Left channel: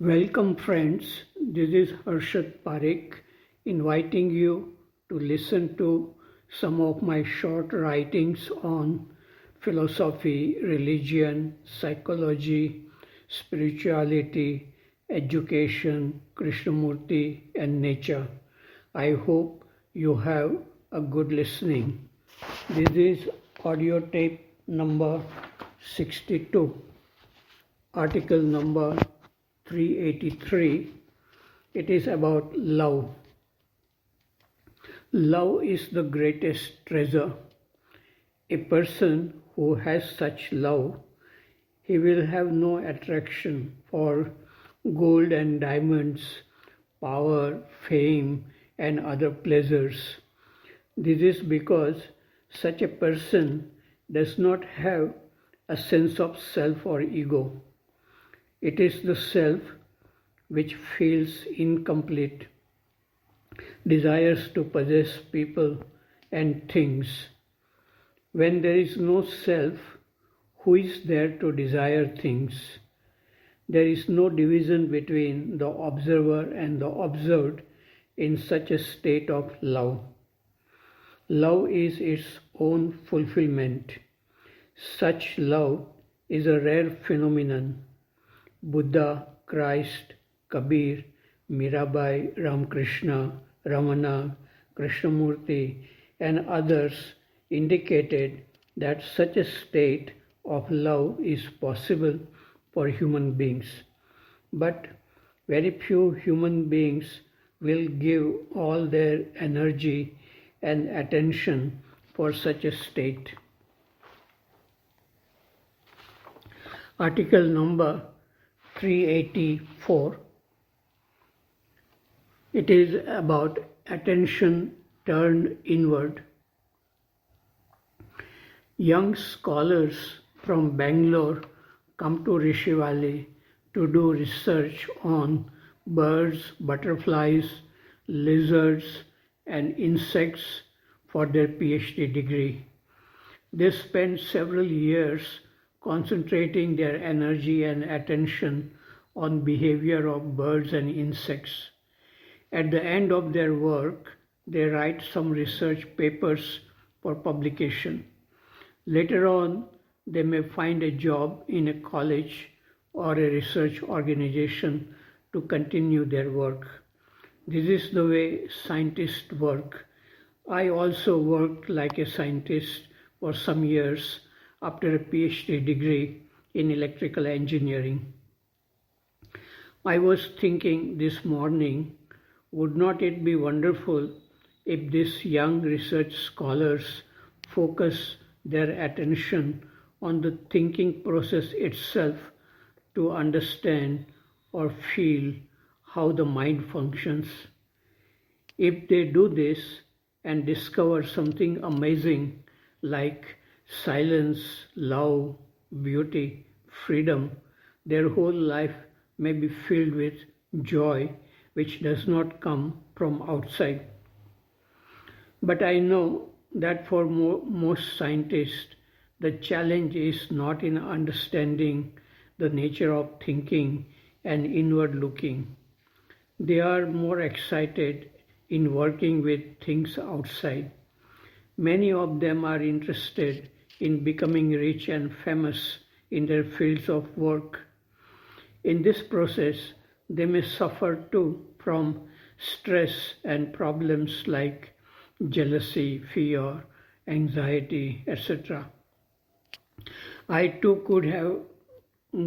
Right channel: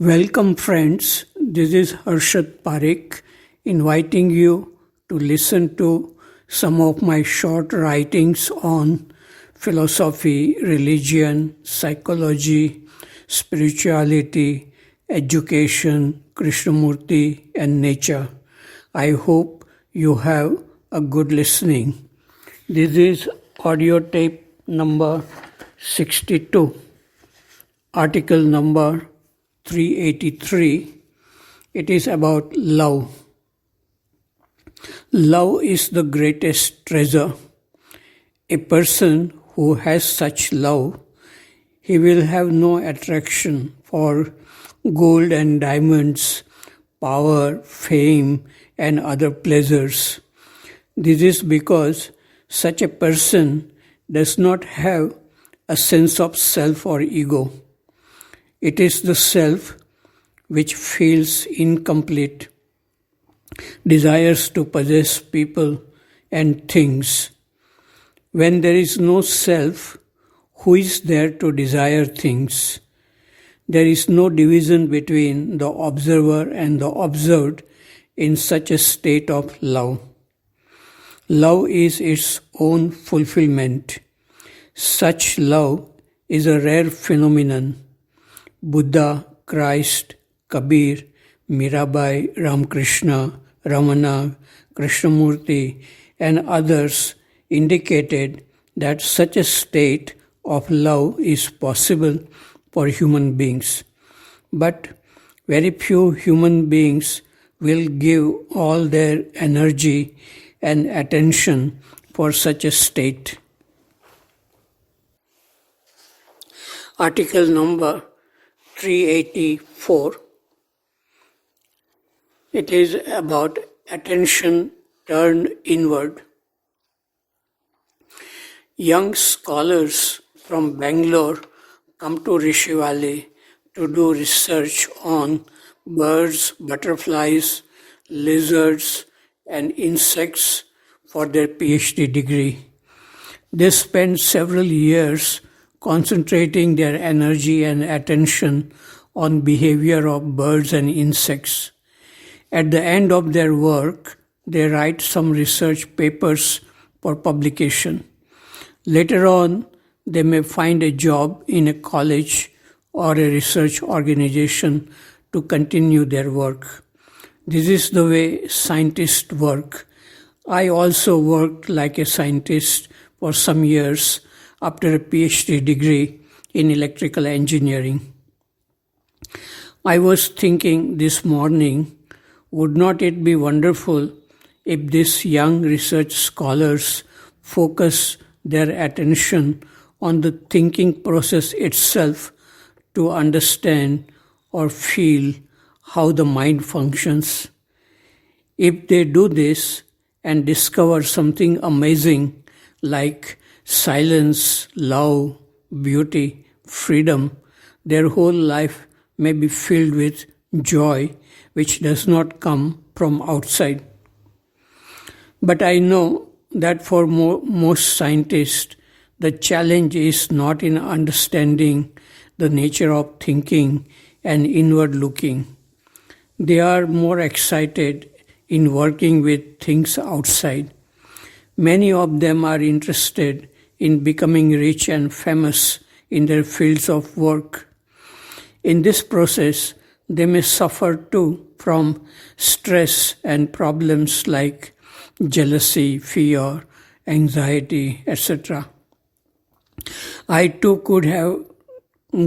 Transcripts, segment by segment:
Welcome, friends. This is Harshad Parekh inviting you to listen to some of my short writings on philosophy, religion, psychology, spirituality, education, Krishnamurti, and nature. I hope you have a good listening. This is audio tape number 62, article number 383. It is about love. Love is the greatest treasure. A person who has such love, he will have no attraction for gold and diamonds, power, fame, and other pleasures. This is because such a person does not have a sense of self or ego. It is the self which feels incomplete, desires to possess people and things. When there is no self, who is there to desire things? There is no division between the observer and the observed in such a state of love. Love is its own fulfillment. Such love is a rare phenomenon. Buddha, Christ, Kabir, Mirabai, Ramakrishna, Ramana, Krishnamurti, and others indicated that such a state of love is possible for human beings. But very few human beings will give all their energy and attention for such a state. Article number 384. It is about attention turned inward. Young scholars from Bangalore come to Rishi Valley to do research on birds, butterflies, lizards, and insects for their PhD degree. They spend several years concentrating their energy and attention on behavior of birds and insects. At the end of their work, they write some research papers for publication. Later on, they may find a job in a college or a research organization to continue their work. This is the way scientists work. I also worked like a scientist for some years after a PhD degree in electrical engineering. I was thinking this morning, would not it be wonderful if these young research scholars focus their attention on the thinking process itself to understand or feel how the mind functions? If they do this and discover something amazing like silence, love, beauty, freedom, their whole life may be filled with joy which does not come from outside. But I know that for most scientists, the challenge is not in understanding the nature of thinking and inward looking. They are more excited in working with things outside. Many of them are interested in becoming rich and famous in their fields of work. In this process, they may suffer too from stress and problems like jealousy, fear, anxiety, etc. I too could have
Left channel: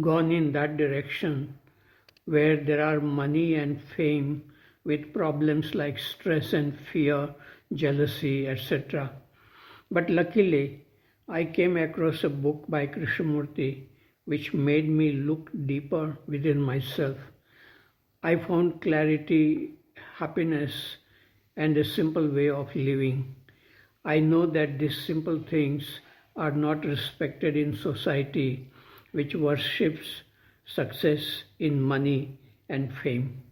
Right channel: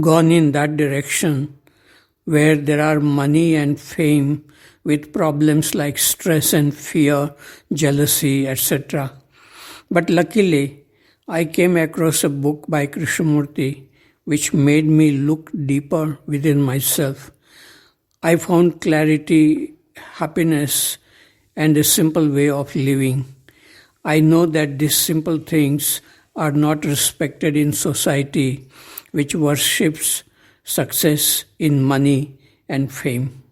gone in that direction where there are money and fame with problems like stress and fear, jealousy, etc. But luckily, I came across a book by Krishnamurti which made me look deeper within myself. I found clarity, happiness, and a simple way of living. I know that these simple things are not respected in society, which worships success in money and fame.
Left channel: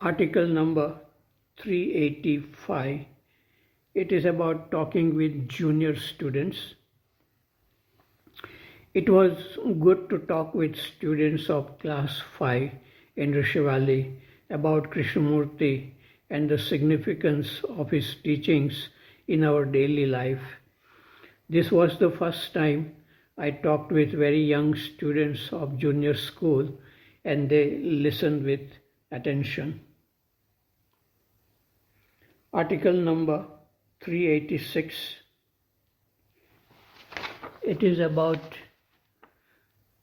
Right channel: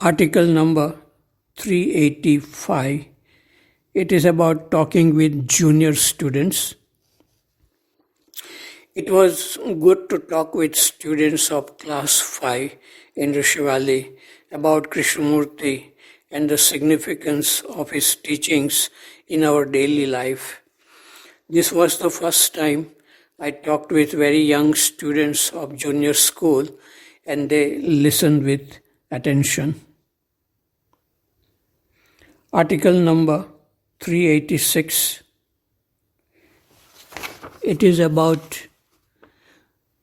Article number 385. It is about talking with junior students. It was good to talk with students of class 5 in Rishi Valley about Krishnamurti and the significance of his teachings in our daily life. This was the first time I talked with very young students of junior school and they listened with attention. Article number 386. It is about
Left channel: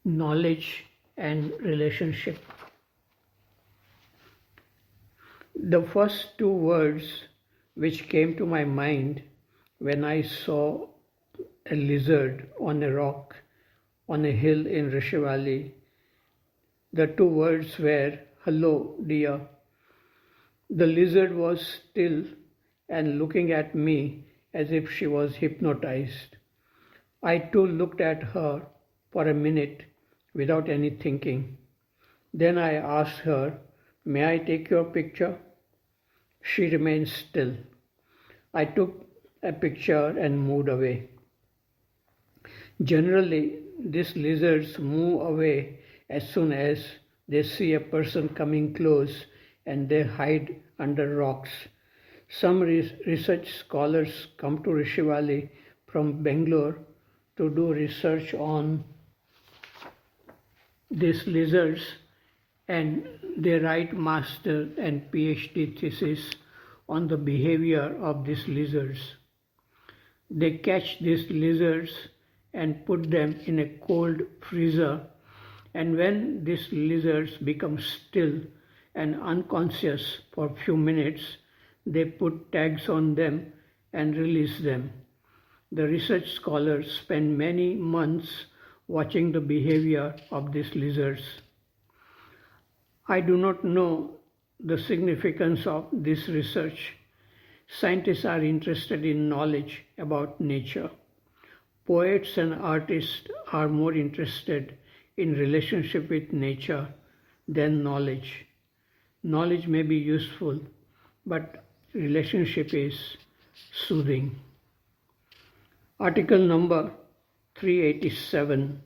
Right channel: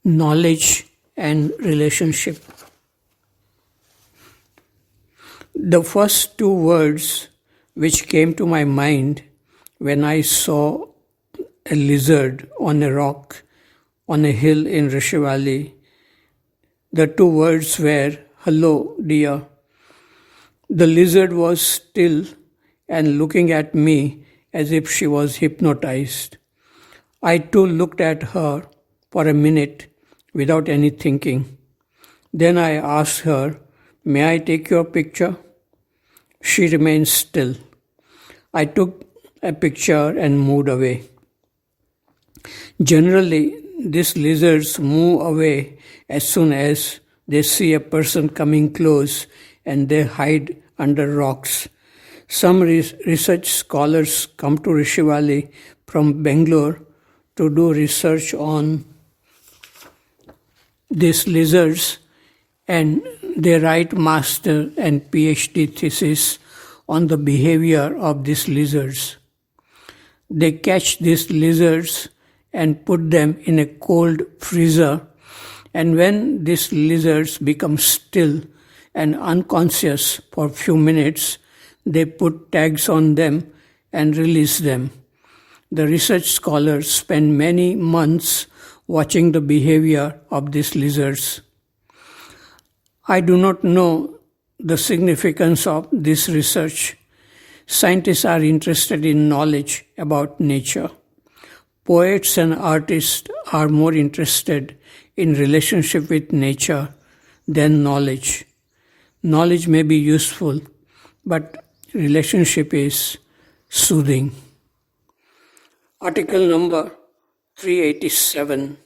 knowledge and relationship. The first two words which came to my mind when I saw a lizard on a rock on a hill in Rishi Valley, the two words were, "Hello, dear." The lizard was still and looking at me as if she was hypnotized. I too looked at her for a minute without any thinking. Then I asked her, "May I take your picture?" She remained still. I took a picture and moved away. Generally, these lizards move away as soon as they see a person coming close and they hide under rocks. Some research scholars come to Rishi Valley from Bangalore to do research on these lizards, and they write master and PhD thesis on the behavior of these lizards. They catch these lizards and put them in a cold freezer, and when these lizards become still and unconscious for a few minutes, they put tags on them and release them. The research scholars spend many months watching the behavior of these lizards. I do not know the significance of this research. Scientists are interested in knowledge about nature. Poets and artists are more interested in relationship with nature than knowledge. Knowledge may be useful, but relationship is soothing. Article number 387.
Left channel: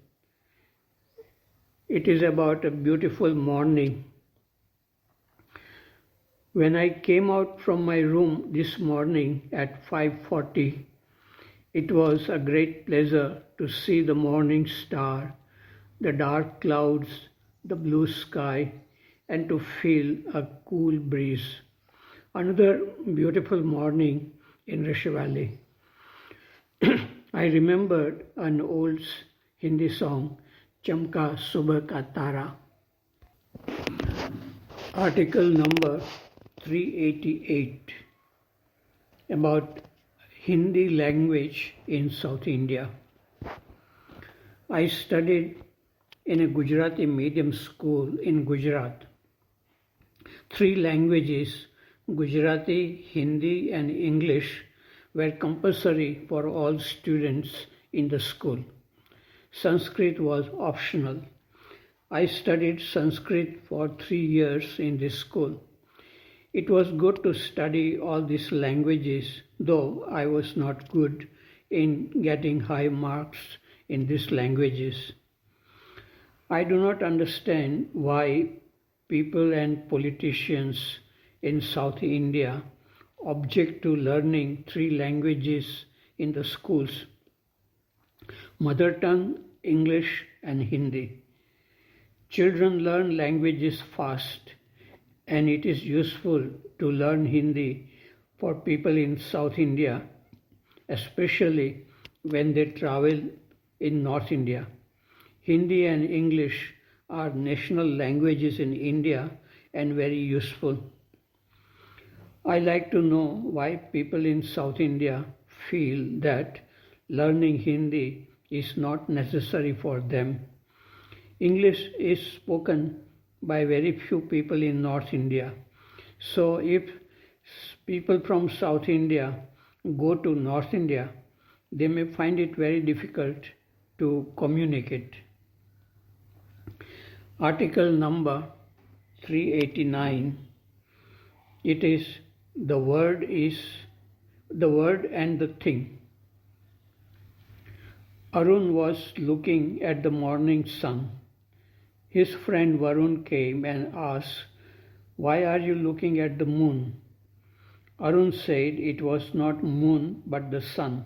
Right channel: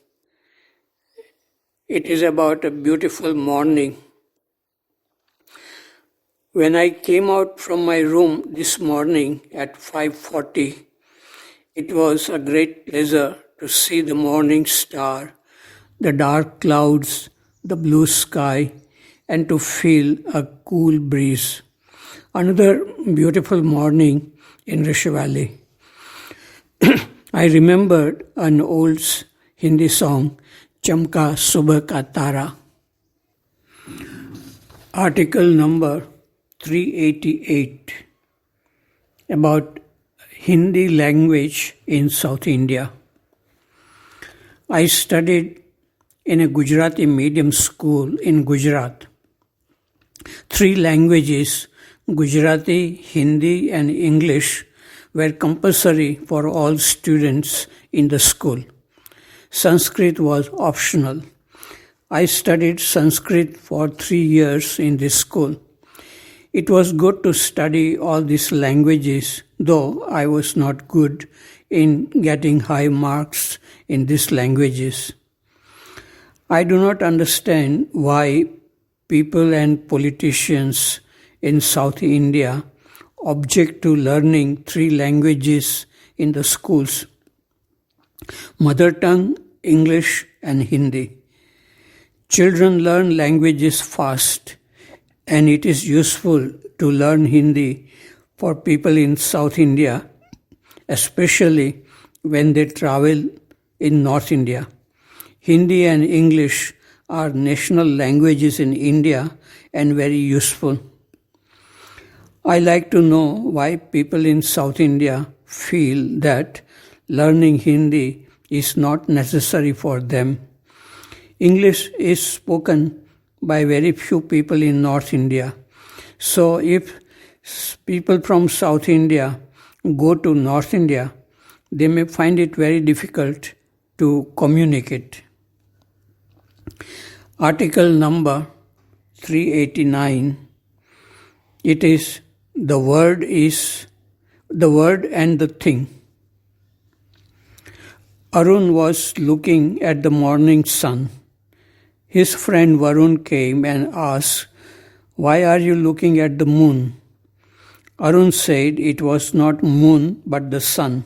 It is about a beautiful morning. When I came out from my room this morning at 5:40, it was a great pleasure to see the morning star, the dark clouds, the blue sky, and to feel a cool breeze. Another beautiful morning in Rishi Valley. I remembered an old Hindi song, Chamka Subha Ka Tara. Article number 388, about Hindi language in South India. I studied in a Gujarati medium school in Gujarat. 3 languages, Gujarati, Hindi, and English, were compulsory for all students in the school. Sanskrit was optional. I studied Sanskrit for 3 years in this school. It was good to study all these languages, though I was not good in getting high marks in these languages. I do not understand why people and politicians in South India object to learning 3 languages in the schools: mother tongue, English, and Hindi. Children learn languages fast, and it is useful to learn Hindi for people in South India, especially when they travel in North India. Hindi and English are national languages in India and very useful. I like to know why people in South India feel that learning Hindi is not necessary for them. English is spoken by very few people in North India. So if people from South India go to North India, they may find it very difficult to communicate. Article number 389. It is the word and the thing. Arun was looking at the morning sun. His friend Varun came and asked, "Why are you looking at the moon?" Arun said it was not moon but the sun.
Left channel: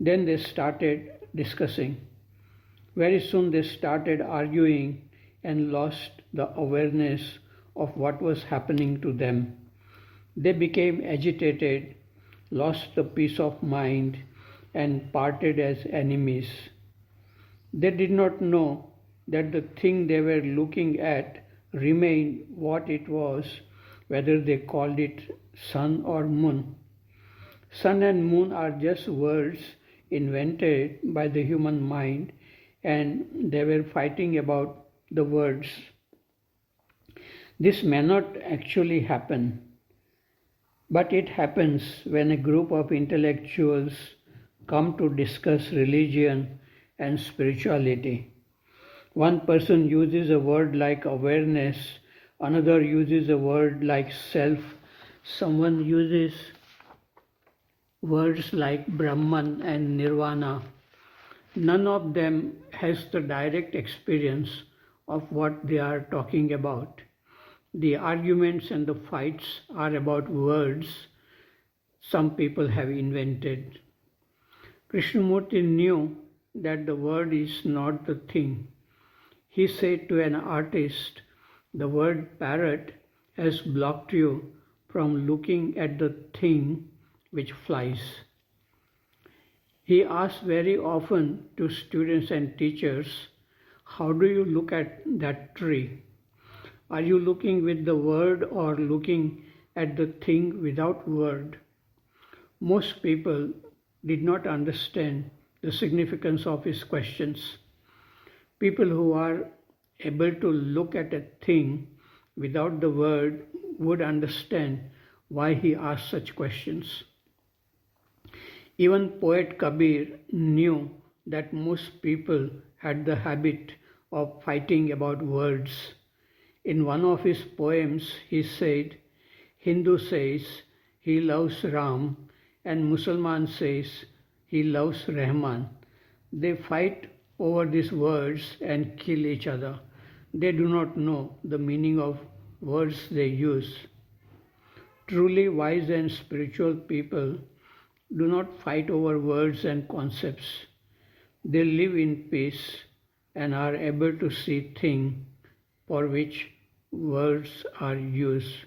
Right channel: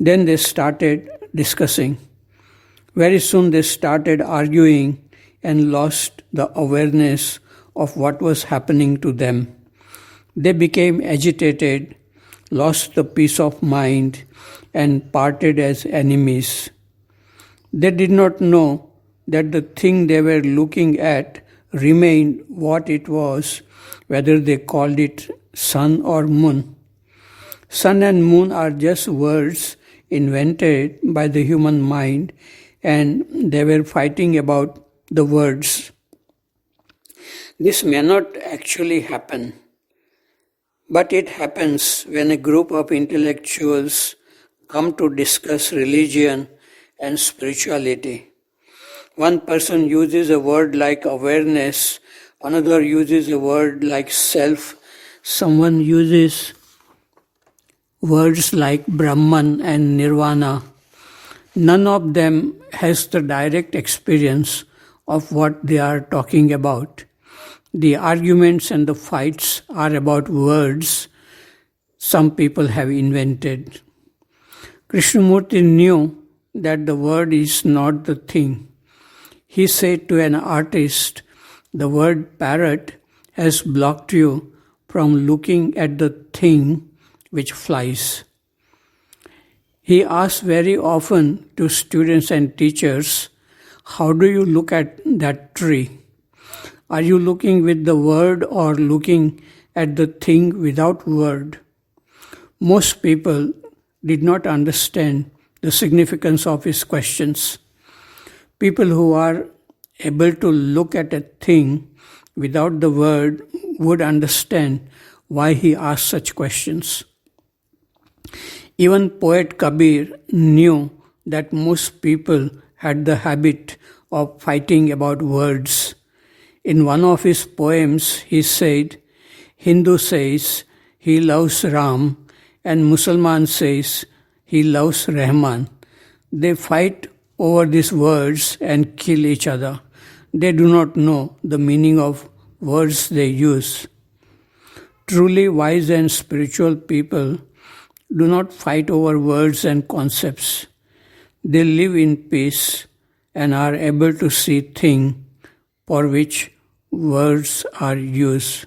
Then they started discussing. Very soon they started arguing and lost the awareness of what was happening to them. They became agitated, lost the peace of mind, and parted as enemies. They did not know that the thing they were looking at remained what it was, whether they called it sun or moon. Sun and moon are just words invented by the human mind, and they were fighting about the words. This may not actually happen, but it happens when a group of intellectuals come to discuss religion and spirituality. One person uses a word like awareness, another uses a word like self, someone uses words like Brahman and Nirvana. None of them has the direct experience of what they are talking about. The arguments and the fights are about words some people have invented. Krishnamurti knew that the word is not the thing. He said to an artist, "The word parrot has blocked you from looking at the thing which flies." He asked very often to students and teachers, "How do you look at that tree? Are you looking with the word or looking at the thing without word?" Most people did not understand the significance of his questions. People who are able to look at a thing without the word would understand why he asked such questions. Even poet Kabir knew that most people had the habit of fighting about words. In one of his poems, he said, Hindu says he loves Ram and Musalman says he loves Rahman. They fight over these words and kill each other. They do not know the meaning of words they use. Truly wise and spiritual people do not fight over words and concepts. They live in peace and are able to see things for which words are used.